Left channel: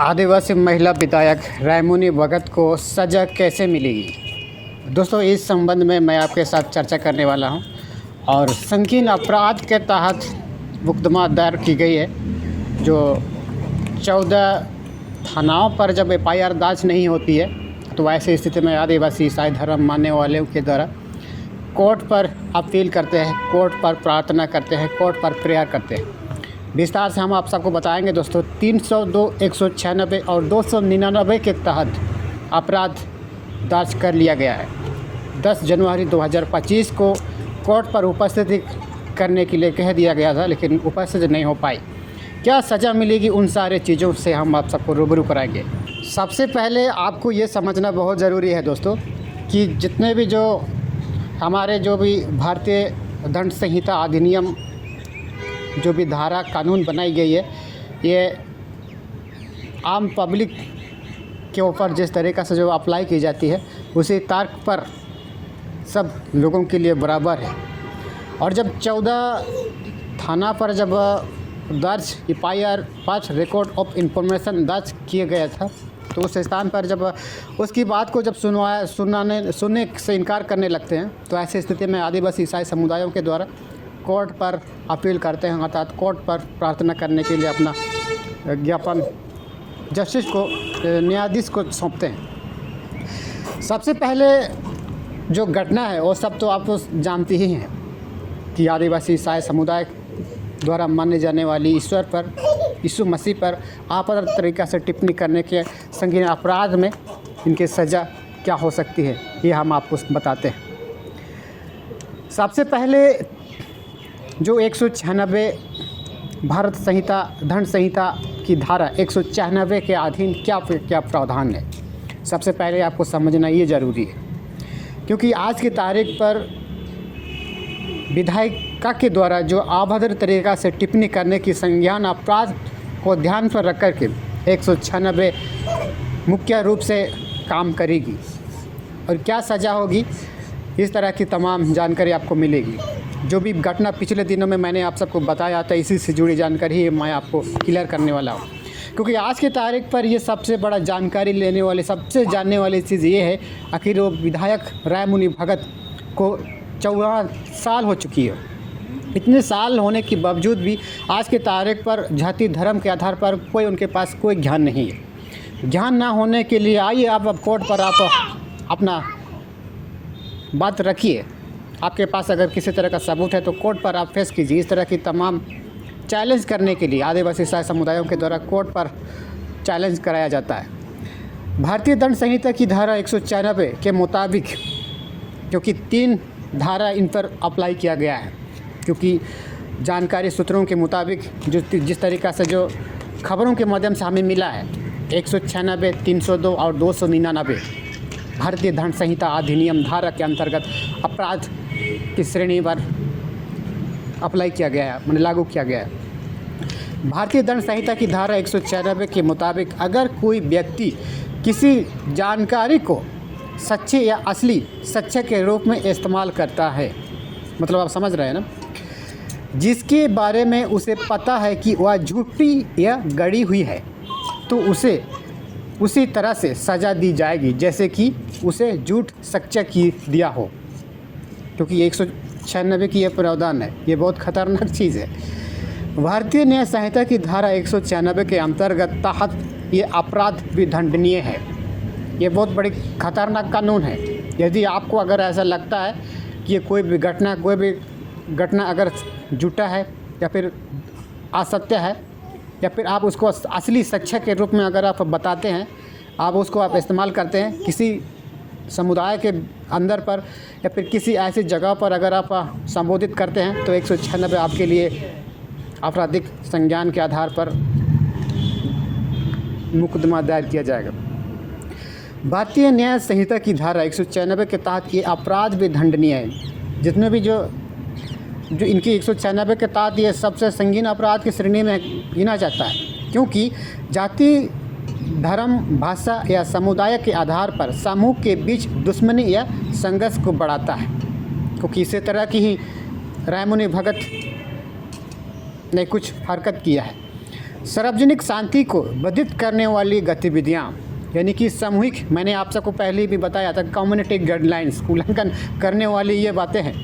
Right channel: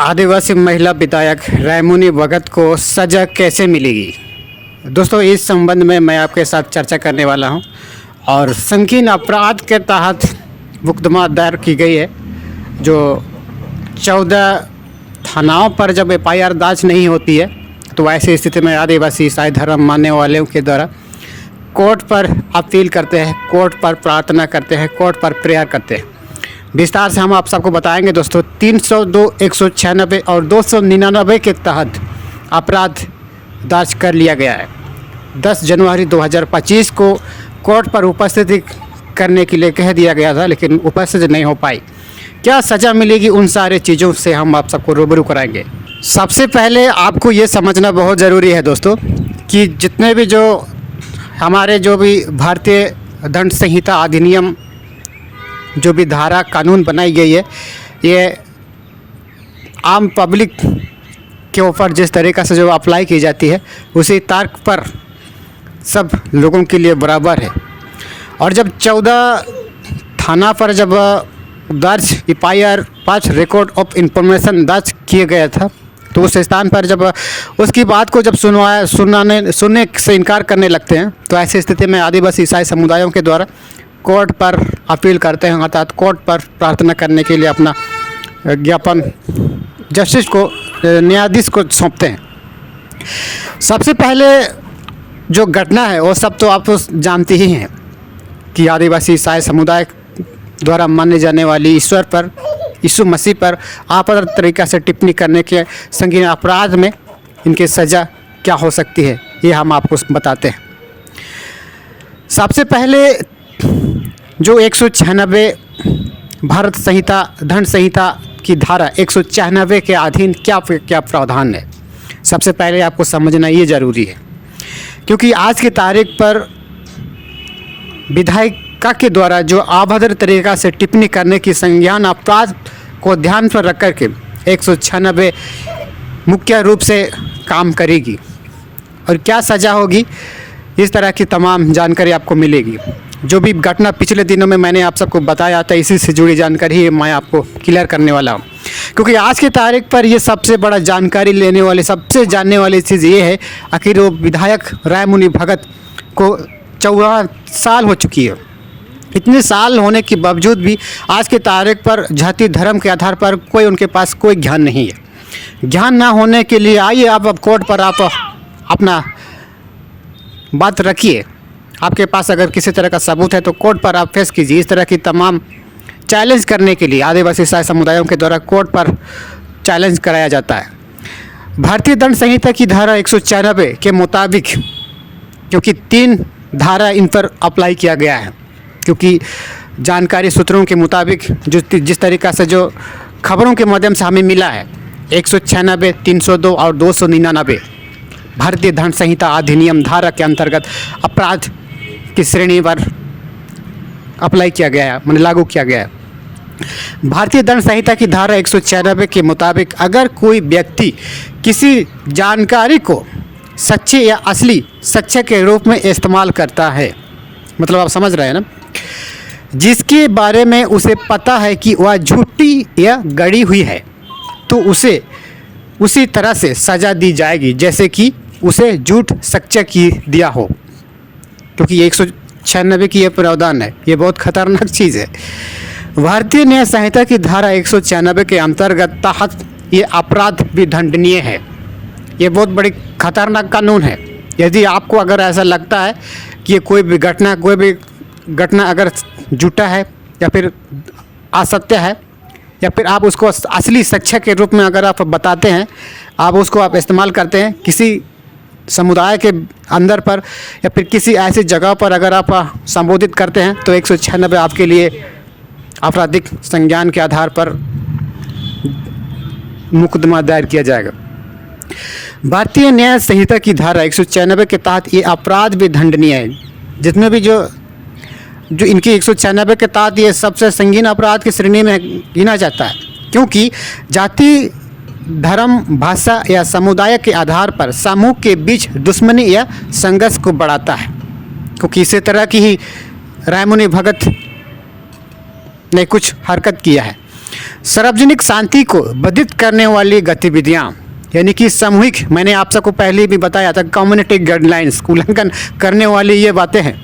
आदिवासी महिला विधायक रायमुनि भगत को सज़ा कैसे मिलेगी। दोस्तों, इस संबंध में मैं आपके साथ चर्चा करने वाला हूं। और संगीन अपराध के तहत मुकदमा दायर की गई है, जो 14 थानाओं पर जब FIR दर्ज नहीं होती है तो ऐसी स्थिति में आदिवासी ईसाई धर्म मानने वालों के द्वारा कोर्ट पर अपील करते हैं, कोर्ट पर प्रार्थना करते हैं, कोर्ट पर प्रेयर करते हैं। विस्तार से हम आप सबको बताएंगे दोस्तों। 302, 196 और 299 के तहत अपराध दर्ज कर लिया गया है। 10 जनवरी 2025 को कोर्ट पर उपस्थित करने के लिए कह दिया गया था, लेकिन उपस्थित नहीं हो पाई। क्या सज़ा मिलेगी, उन सारे चीज़ों से हम आप सबको रूबरू कराएंगे। सबसे पहले आपको ये समझना बहुत ज़रूरी है दोस्तों कि जितने भी हमारे भारतीय दंड संहिता अधिनियम जो भी धारा कानून बनाई गई है, ये आम पब्लिक के ऊपर जिस तरीक़ा से जो अप्लाई की जाती है उसी तर्क पर सब लोगों के लिए बराबर है। और जब 14 थाना पर जब दर्ज FIR 5 रिकॉर्ड ऑफ इंफॉर्मेशन दर्ज किया गया था, तो उस स्थान पर जब उसकी बात को जब सुनने से इनकार करने लगते हैं, तो ऐसी स्थिति में आदिवासी ईसाई समुदायों के द्वारा कोर्ट पर अपील करते हैं, अर्थात कोर्ट पर प्रार्थना करने के लिए अपना ज्ञापन जस्टिस को, न्यायाधीश को सौंपते हैं। सबसे पहले जो घटना है वो सब तो आप जानते ही हैं कि आदिवासी ईसाई समुदाय द्वारा माने जाने वाली ईश्वर पर, यीशु मसीह पर आपराधिक तरीक़ा से टिप्पणी करने के संगीन अपराध में इनकी सज़ा क्या हो सकती है, ये हम आपको बताते हैं। सबसे पहले जो 196 भारत संहिता दंड संहिता की धारा 196 के अधीन क्या प्रावधान है, सबसे पहले आपको समझना ये ज़रूरी है। क्योंकि आज की तारीख पर विधायिका के द्वारा जो अभद्र तरीक़ा से टिप्पणी करने की संज्ञान अपराध को ध्यान पर रख कर के 196 मुख्य रूप से काम करेगी। और क्या सज़ा होगी, इस तरह की तमाम जानकारी आपको मिलेगी। जो भी घटना पिछले दिनों में मैंने आप सबको बताया था, इसी से जुड़ी जानकारी मैं आपको क्लियर करने वाला हूँ। क्योंकि आज की तारीख पर ये सबसे बड़ा जानकारी लेने वाले, सबसे जानने वाली चीज़ ये है, आखिर वो विधायक रायमुनि भगत को 14 साल हो चुकी है। इतने साल होने के बावजूद भी आज की तारीख पर जाति धर्म के आधार पर कोई उनके पास कोई ज्ञान नहीं है। ज्ञान ना होने के लिए आइए आप अब कोर्ट पर आप अपना बात रखिए। आपके पास अगर किसी तरह का सबूत है तो कोर्ट पर आप पेश कीजिए। इस तरह की तमाम चैलेंज करने के लिए आदिवासी ईसाई समुदायों के द्वारा कोर्ट पर चैलेंज कराया जाता है। भारतीय दंड संहिता की धारा 196 के मुताबिक, क्योंकि 3 धारा इन पर अप्लाई किया गया है, क्योंकि जानकारी सूत्रों के मुताबिक जिस तरीक़ा से जो खबरों के माध्यम से हमें मिला है, 196, 302 और 299 भारतीय दंड संहिता अधिनियम धारा के अंतर्गत अपराध की श्रेणी पर अप्लाई किया गया है, मैंने लागू किया गया है। भारतीय दंड संहिता की धारा 196 के मुताबिक अगर कोई व्यक्ति किसी जानकारी को सच्चे या असली सच्चे के रूप में इस्तेमाल करता है, मतलब आप समझ रहे हैं ना, जिसके बारे में उसे पता है कि वह झूठी या गढ़ी हुई है, तो उसे उसी तरह से सज़ा दी जाएगी जैसे कि उसे झूठ सच्चा की दिया हो। क्योंकि ये 196 की ये प्रावधान है, ये बहुत खतरनाक चीज़ है। भारतीय न्याय संहिता की धारा 196 के अंतर्गत तहत ये अपराध भी दंडनीय है। ये बहुत बड़ी खतरनाक कानून है। यदि आपको अगर ऐसा लगता है कि कोई भी घटना अगर झूठा है या फिर असत्य है, या फिर आप उसको असली सच्चा के रूप में अगर आप बताते हैं, आप उसको आप इस्तेमाल करते हैं किसी समुदाय के अंदर पर या फिर किसी ऐसी जगह पर अगर आप संबोधित करते हैं, तो 196 आपके लिए आपराधिक संज्ञान के आधार पर मुकदमा दायर किया जाएगा। भारतीय न्याय संहिता की धारा 196 के तहत ये अपराध भी दंडनीय है। जितने भी जो इनकी 196 के तहत ये सबसे संगीन अपराध की श्रेणी में गिना जाता है, क्योंकि जाति धर्म भाषा या समुदाय के आधार पर समूह के बीच दुश्मनी या संघर्ष को बढ़ाता है। क्योंकि इसी तरह की ही रायमुनि भगत ने कुछ हरकत किया है। सार्वजनिक शांति को बाधित करने वाली गतिविधियां, यानी कि सामूहिक, मैंने आप सबको पहले भी बताया था, कम्युनिटी गाइडलाइंस उल्लंघन करने वाली ये बातें हैं।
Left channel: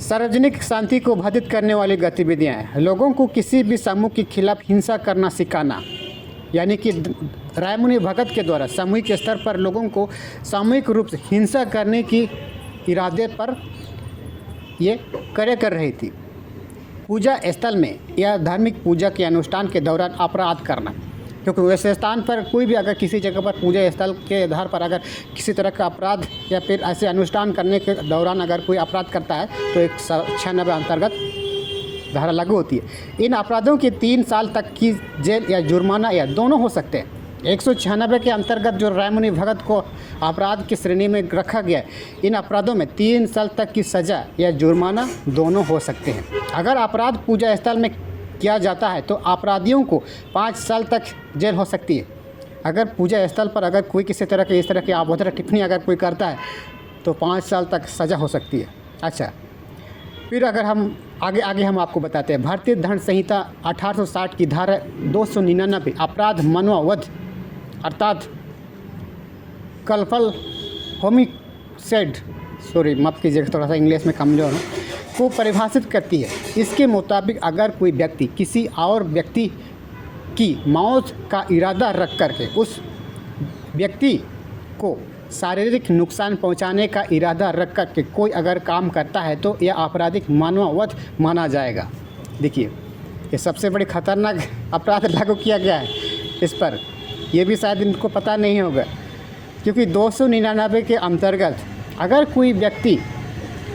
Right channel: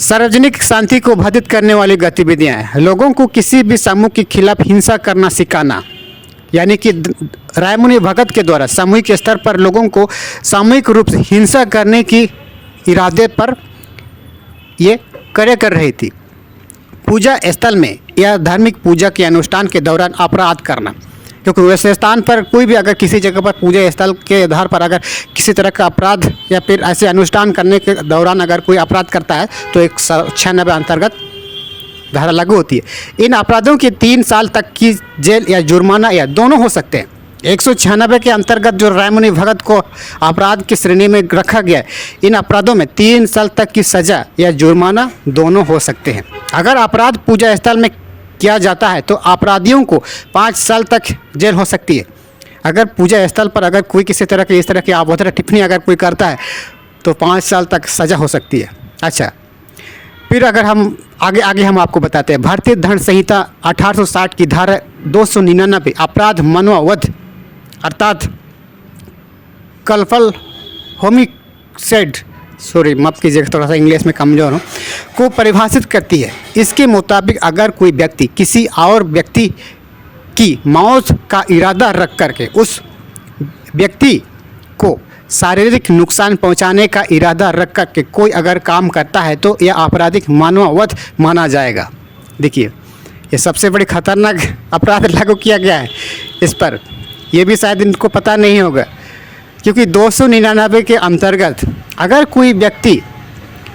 सार्वजनिक शांति को बाधित करने वाली गतिविधियां, लोगों को किसी भी समूह के खिलाफ हिंसा करना सिखाना, यानी कि रायमुनि भगत के द्वारा सामूहिक स्तर पर लोगों को सामूहिक रूप से हिंसा करने की इरादे पर ये कार्य कर रही थी। पूजा स्थल में या धार्मिक पूजा के अनुष्ठान के दौरान अपराध करना, क्योंकि वैसे स्थान पर कोई भी अगर किसी जगह पर पूजा स्थल के आधार पर अगर किसी तरह का अपराध या फिर ऐसे अनुष्ठान करने के दौरान अगर कोई अपराध करता है तो 196 अंतर्गत धारा लागू होती है। इन अपराधों के 3 साल तक की जेल या जुर्माना या दोनों हो सकते हैं। 196 के अंतर्गत जो रायमुनि भगत को अपराध की श्रेणी में रखा गया है, इन अपराधों में 3 साल तक की सजा या जुर्माना दोनों हो सकते हैं। अगर अपराध पूजा स्थल में किया जाता है तो अपराधियों को 5 साल तक जेल हो सकती है। अगर पूजा स्थल पर अगर कोई किसी तरह की इस तरह की अभद्र टिप्पणी अगर कोई करता है तो 5 साल तक सजा हो सकती है। अच्छा, फिर अगर हम आगे हम आपको बताते हैं, भारतीय दंड संहिता 1860 की धारा 299 अपराध मनोवध अर्थात कलफल होमिसाइड, सॉरी माफ़ कीजिएगा थोड़ा सा इंग्लिश में कमज़ोर हूँ, को परिभाषित करती है। इसके मुताबिक अगर कोई व्यक्ति किसी और व्यक्ति की मौत का इरादा रख करके उस व्यक्ति को शारीरिक नुकसान पहुंचाने का इरादा रख करके कोई अगर काम करता है तो यह आपराधिक मानववध माना जाएगा। देखिए, ये सबसे बड़ी खतरनाक अपराध लागू किया गया है इस पर। यह भी शायद इनको पता नहीं होगा, क्योंकि 299 के अंतर्गत अगर कोई व्यक्ति,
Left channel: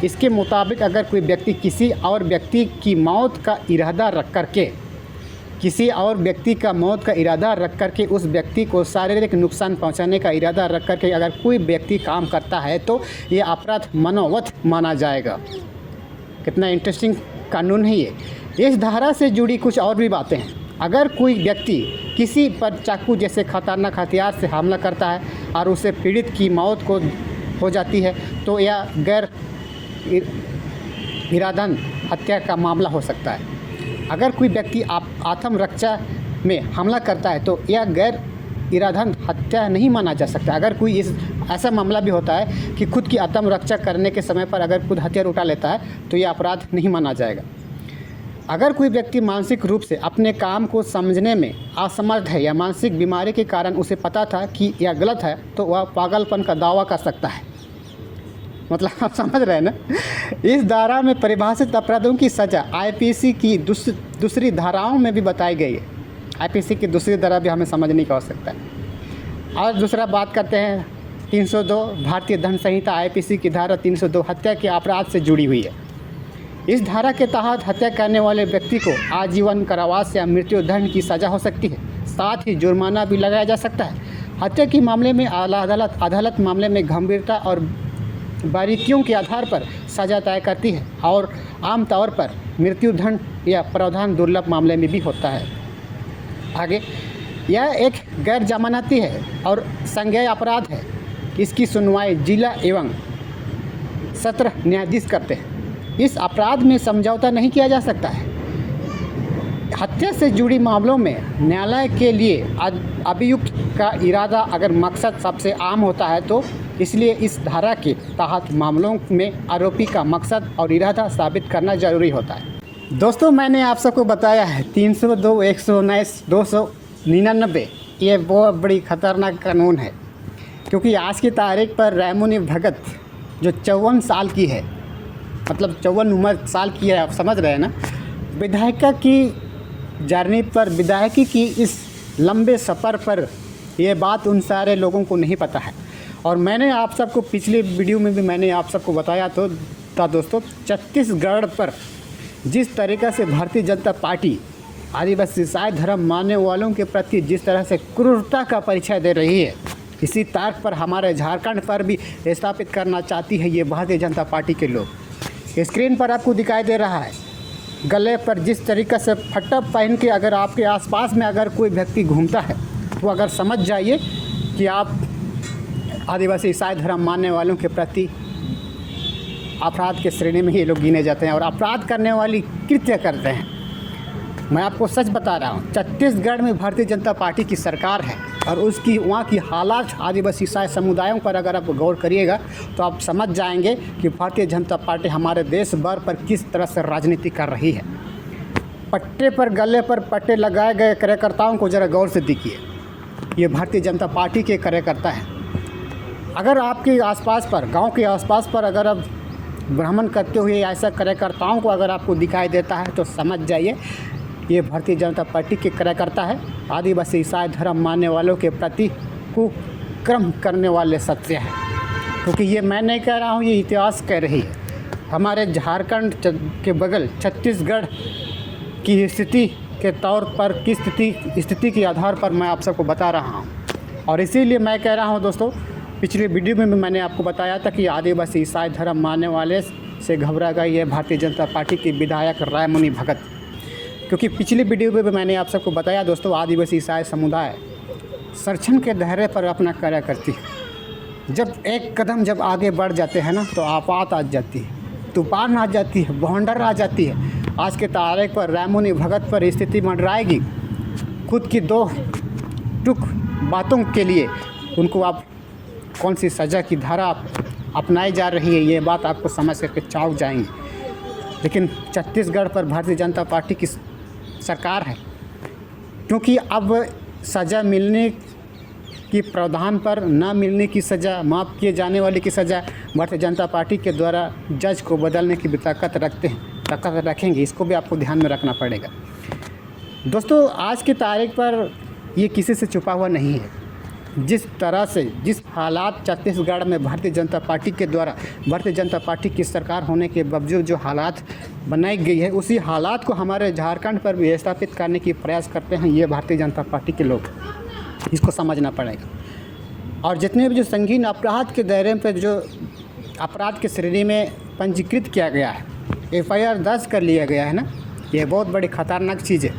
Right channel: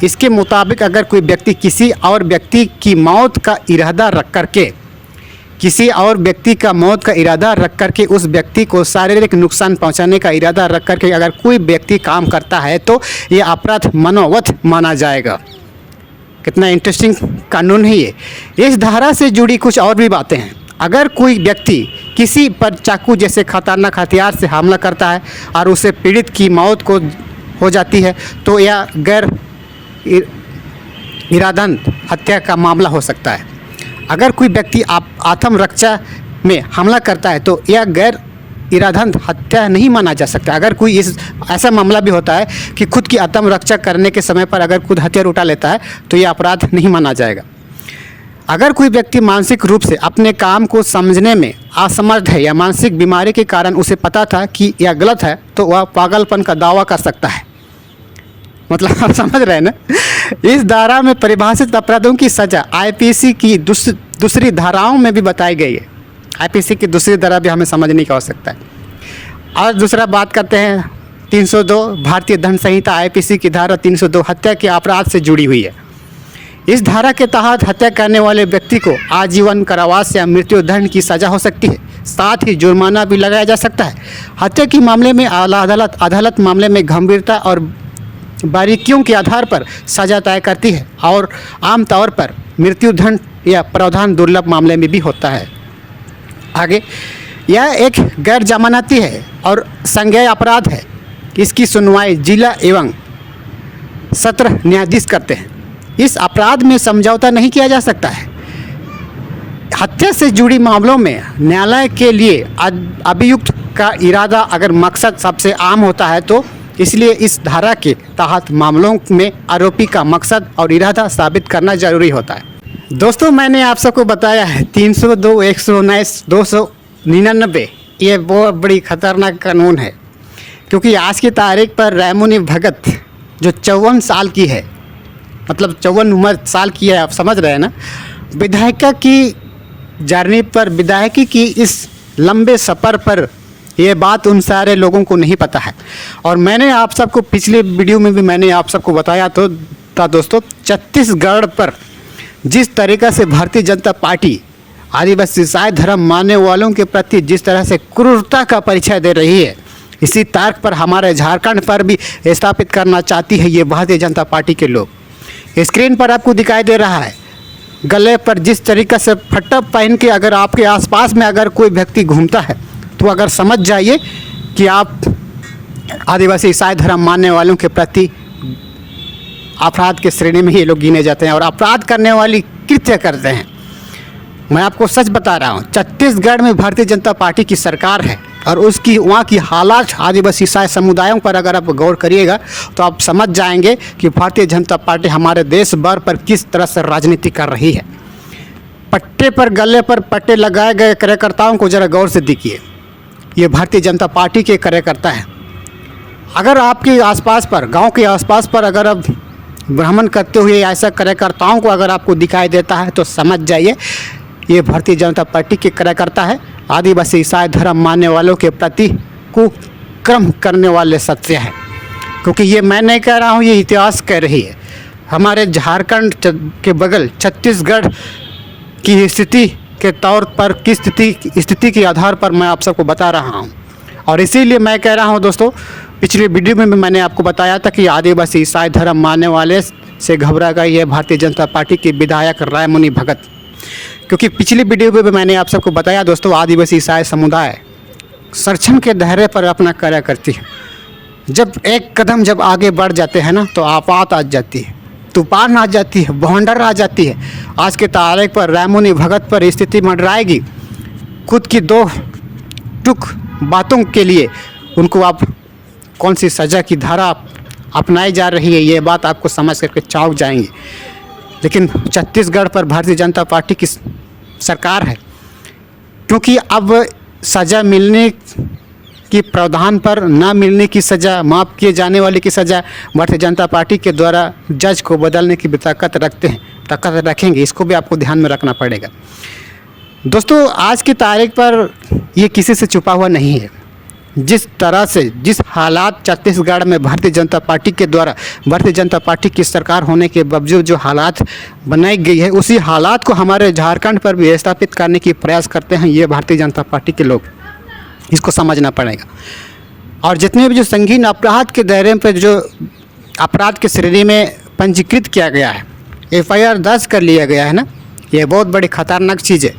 इसके मुताबिक अगर कोई व्यक्ति किसी और व्यक्ति की मौत का इरादा रख करके उस व्यक्ति को शारीरिक नुकसान पहुंचाने का इरादा रख करके अगर कोई व्यक्ति काम करता है तो यह अपराध मनोवध माना जाएगा। कितना इंटरेस्टिंग कानून है ये। इस धारा से जुड़ी कुछ और भी बातें हैं। अगर कोई व्यक्ति किसी पर चाकू जैसे खतरनाक हथियार से हमला करता है और उसे पीड़ित की मौत को हो जाती है तो यह गैर इरादन हत्या का मामला हो सकता है। अगर कोई व्यक्ति आत्मरक्षा में हमला करता है तो यह गैर इरादन हत्या नहीं माना जा सकता। अगर कोई ऐसा मामला भी होता है कि खुद की आत्मरक्षा करने के समय पर अगर खुद हथियार उठा लेता है तो यह अपराध नहीं माना जाएगा। अगर कोई व्यक्ति मानसिक रूप से अपने काम को समझने में असमर्थ है या मानसिक बीमारी के कारण उसे पता था कि यह गलत है तो वह पागलपन का दावा कर सकता है। मतलब आप समझ रहे हैं ना। इस धारा में परिभाषित अपराधों की सजा आईपीसी की दूसरी धाराओं में भी बताई गई है। आईपीसी की दूसरी धारा भी हमें समझने की आवश्यकता है। और दूसरा बात करते हैं 302 भारतीय दंड संहिता आईपीसी की धारा 302 हत्या के अपराध से जुड़ी हुई है। इस धारा के तहत हत्या करने वाले व्यक्ति को आजीवन कारावास या मृत्यु दंड की सजा हो सकती है। साथ ही जुर्माना भी लगाया जा सकता है। हत्या के मामले में आला अदालत मामले में गंभीरता और बारीकियों के आधार पर सजा तय करती है और आमतौर पर मृत्यु दंड या प्रावधान दुर्लभ मामले में भी होता है। आगे, यह एक गैर जमानती है और संज्ञेय अपराध है। इसकी सुनवाई जिला एवं सत्र न्यायाधीश करते हैं। इस अपराध में समझौता नहीं किया जा सकता है। हत्या से जुड़ी मामलों में न्यायालय के लिए अभियुक्त का इरादा अगर मकसद सबसे आम होता है तो इसलिए इस धारा के तहत मामलों में आरोपी का मकसद और इरादा साबित करना जरूरी होता है। दोस्तों, मैंने आप सबको बताया है 302, 119, 299 ये बहुत बड़ी खतरनाक कानून है, क्योंकि आज की तारीख पर रायमुनि भगत जो 54 साल की है, मतलब 54 उम्र साल की है, आप समझ रहे हैं ना। विधायिका की जर्नी पर, विधायकी की इस लंबे सफ़र पर ये बात उन सारे लोगों को नहीं पता है। और मैंने आप सबको पिछले वीडियो में भी मैंने आप सबको बताया तो था दोस्तों, छत्तीसगढ़ पर जिस तरीक़ा से भारतीय जनता पार्टी आदिवासी ईसाई धर्म मानने वालों के प्रति जिस तरह से क्रूरता का परिचय दे रही है, इसी तर्क पर हमारे झारखंड पर भी स्थापित करना चाहती है ये भारतीय जनता पार्टी के लोग। स्क्रीन पर आपको दिखाई दे रहा है, गले पर जिस तरीक़े से फट्टा पहन के अगर आपके आसपास में अगर कोई व्यक्ति घूमता है तो अगर समझ जाइए कि आप आदिवासी ईसाई धर्म मानने वालों के प्रति अपराध के श्रेणी में ये लोग गिने जाते हैं और अपराध करने वाली कृत्य करते हैं। मैं आपको सच बता रहा हूँ, छत्तीसगढ़ में भारतीय जनता पार्टी की सरकार है और उसकी वहाँ की हालात आदिवासी ईसाई समुदायों पर अगर आप गौर करिएगा तो आप समझ जाएंगे कि भारतीय जनता पार्टी हमारे देश भर पर किस तरह से राजनीति कर रही है। पट्टे पर गले पर पट्टे लगाए गए कार्यकर्ताओं को ज़रा गौर से देखिए, ये भारतीय जनता पार्टी के कार्यकर्ता हैं। अगर आपके आसपास पर, गांव के आसपास पर अगर आप भ्रमण करते हुए ऐसा कार्यकर्ताओं को अगर आपको दिखाई देता है तो समझ जाइए ये भारतीय जनता पार्टी के कार्यकर्ता है। आदिवासी ईसाई धर्म मानने वालों के प्रति कुक्रम करने वाले सत्य है, क्योंकि ये मैं नहीं कह रहा हूँ, ये इतिहास कह रही है। हमारे झारखंड के बगल छत्तीसगढ़ की स्थिति के तौर पर किस स्थिति के आधार पर मैं आप सबको बता रहा हूँ। और इसीलिए मैं कह रहा हूँ दोस्तों, पिछले वीडियो में भी मैंने आपको बताया था कि आदिवासी ईसाई धर्म मानने वाले से घबरा गई है भारतीय जनता पार्टी के विधायक रायमुनि भगत, क्योंकि पिछली वीडियो में भी मैंने आप सबको बताया दोस्तों, आदिवासी ईसाई समुदाय संरक्षण के दायरे पर अपना कार्य करती है। जब एक कदम जब आगे बढ़ जाते हैं ना तो आफत आ जाती है, तूफान आ जाती है, बवंडर आ जाती है। आज के तारीख पर रायमुनि भगत पर स्थिति मंडराएगी। खुद की दो टुक बातों के लिए उनको आप कौन सी सज़ा की धारा अपनाई जा रही है, ये बात आपको समझ करके चौंक जाएंगे। लेकिन छत्तीसगढ़ पर भारतीय जनता पार्टी की सरकार है, क्योंकि अब सज़ा मिलने की प्रावधान पर ना मिलने की सज़ा, माफ़ किए जाने वाले की सज़ा भारतीय जनता पार्टी के द्वारा जज को बदलने की भी ताकत रखेंगे। इसको भी आपको ध्यान में रखना पड़ेगा दोस्तों। आज की तारीख पर ये किसी से छुपा हुआ नहीं है। जिस तरह से जिस हालात छत्तीसगढ़ में भारतीय जनता पार्टी के द्वारा, भारतीय जनता पार्टी की सरकार होने के बावजूद जो हालात बनाई गई है, उसी हालात को हमारे झारखंड पर भी स्थापित करने की प्रयास करते हैं ये भारतीय जनता पार्टी के लोग। इसको समझना पड़ेगा। और जितने भी जो संगीन अपराध के दायरे पर जो अपराध की श्रेणी में पंजीकृत किया गया है, FIR दर्ज कर लिया गया है ना, ये बहुत बड़ी खतरनाक चीज़ है।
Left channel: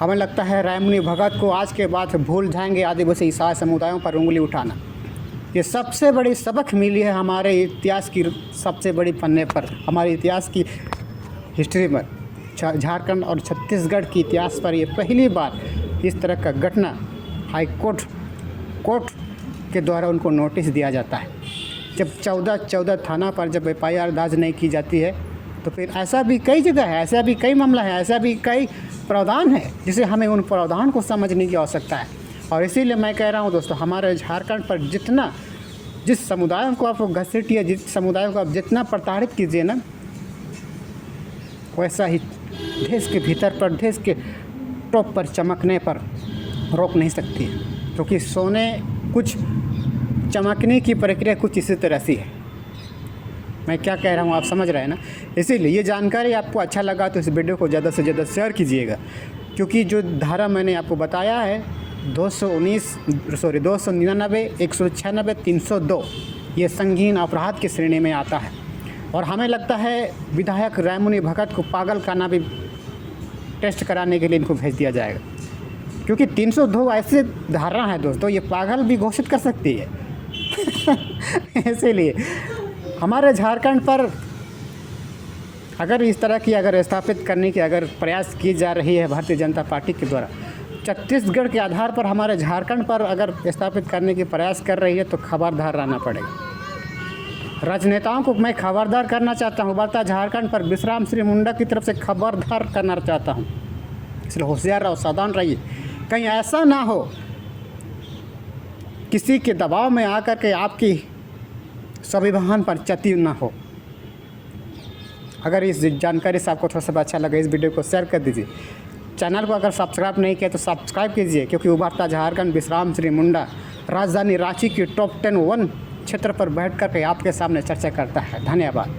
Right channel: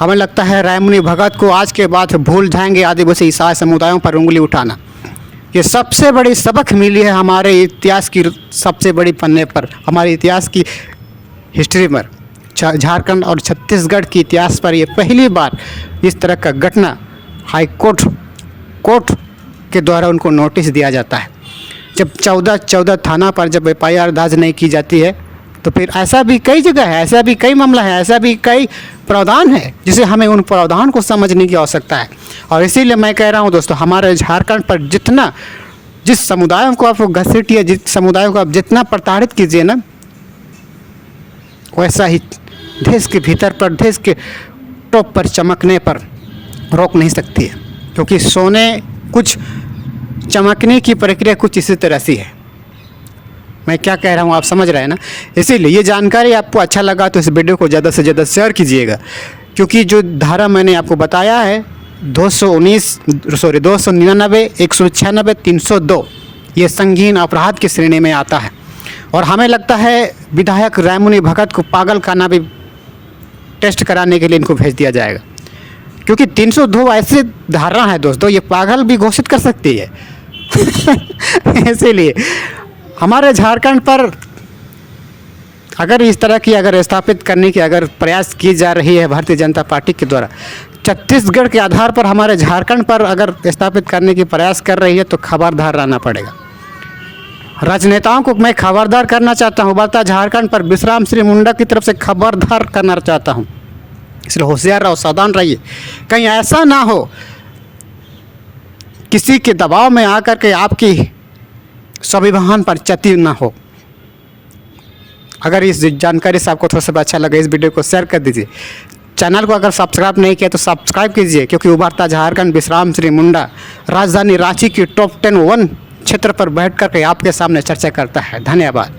हमें लगता है रायमुनि भगत को आज के बाद भूल जाएंगे आदिवासी ईसाई समुदायों पर उंगली उठाना। ये सबसे बड़ी सबक मिली है हमारे इतिहास की सबसे बड़ी पन्ने पर, हमारे इतिहास की हिस्ट्री पर, झारखंड और छत्तीसगढ़ के इतिहास पर ये पहली बार इस तरह का घटना हाई कोर्ट के द्वारा उनको नोटिस दिया जाता है। जब 14 थाना पर जब FIR दर्ज नहीं की जाती है तो फिर ऐसा भी कई जगह है, ऐसा भी कई मामला है, ऐसा भी कई प्रावधान है जिसे हमें उन प्रावधान को समझने की आवश्यकता है। और इसीलिए मैं कह रहा हूँ दोस्तों, हमारे झारखंड पर जिस समुदायों को आप घसीटिए, जिस समुदायों को आप जितना प्रताड़ित कीजिए ना, वैसा ही देश के भीतर पर, देश के टॉप पर चमकने पर रोक नहीं सकती है। क्योंकि सोने कुछ चमकने की प्रक्रिया कुछ इसी तरह से है। मैं क्या कह रहा हूँ आप समझ रहे हैं ना। इसीलिए ये जानकारी आपको अच्छा लगा तो इस वीडियो को ज़्यादा से ज़्यादा शेयर कीजिएगा, क्योंकि जो धारा मैंने आपको बताया है 299, 196, 302 ये संगीन अपराध की श्रेणी में आता है। और हमें लगता है विधायक रायमुनि भगत को पागल खाना भी टेस्ट कराने के लिए इनको भेज दिया जाएगा, क्योंकि 302 ऐसे धारा है दोस्तों, ये पागल भी घोषित कर सकती है। इसीलिए हमारे झारखंड पर अगर इस तरह की अगर स्थापित करने की अगर प्रयास की जा रही है भारतीय जनता पार्टी के द्वारा, छत्तीसगढ़ के आधार पर हमारे झारखंड पर अगर स्थापित करने की प्रयास कर रही है तो खबरदार रहना पड़ेगा। राजनेताओं को मैं खबरदार करना चाहता हूँ, बता झारखंड पर विश्राम श्री मुंडा की तरफ से खबरदार करना चाहता हूँ। इसलिए होशियार रहो, सावधान रहिए, कहीं ऐसा ना हो किसी के दबाव में आकर के आपकी स्वाभिमान पर क्षति ना हो। अगर इस जानकारी से आपको थोड़ा सा अच्छा लगा, इस वीडियो को शेयर कर दीजिए। चैनल को अगर सब्सक्राइब नहीं किया तो सब्सक्राइब कीजिए, क्योंकि उभरता झारखंड विश्राम श्री मुंडा राजधानी रांची की टॉप 10 क्षेत्र पर बैठ करके आपके सामने चर्चा करता है। धन्यवाद।